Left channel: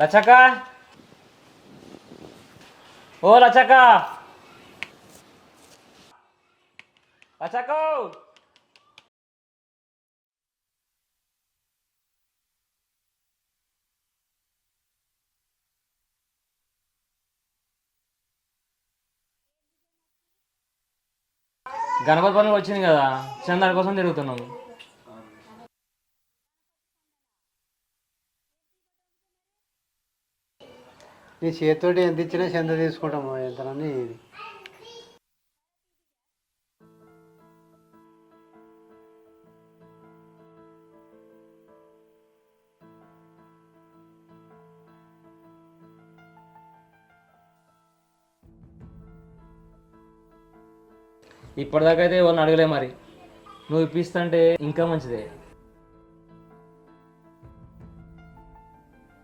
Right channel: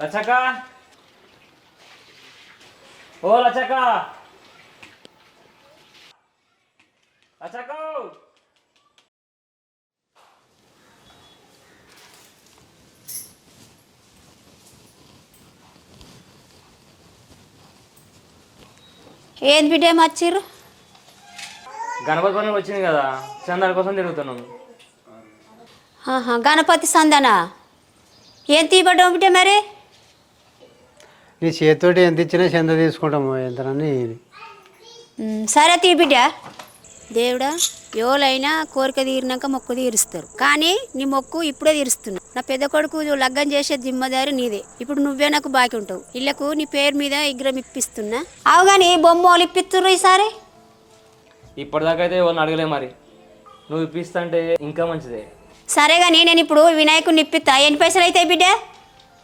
లచ్చక్క ఓ లచ్చక్క లచ్చక్క ఏది బిడ్డ మచ్చిర్రు? గణపతి పండుగ వచ్చింది కదా, చందాల కోసం తిరుగుతున్నాము. గణపతి సందనా? ఏం తీయబడ్డావు బిడ్డ మరి? నీ చేతితోటి ఎంత ఇచ్చినా చెంద తీసుకుంటాము ఎంతనని. సరే తీ బిడ్డ. దేవుడా, ఎవరైనా కోరిక తీరినాక మొక్కు తీరుస్తారు, కానీ నీ మొక్కు ఇప్పుడే తీరుస్తున్నా. నా పెద్ద కొడుకు లగ్గం చేసే జిమ్మదారి నీదే. ఇప్పుడు నువ్వే నాకు బాకీ ఉంటావు. ఇళ్లకు నీ పేరు మీద విగ్రహం ఇప్పిస్తున్నా. అవు కానీ బొమ్మలు ఇప్పిస్తుర్రు ఈసారి. ఇప్పటిదాకా అయితే ఎవరిని అడగలే, మరి నువ్వు ఇప్పిస్తుంటే ఇంకా మంచిదే. సరే కానీ నేను ఇప్పుడు వినాయకుడిని ఇప్పిస్తా. ఎన్ని పైసలు అవుతాయి బిడ్డ?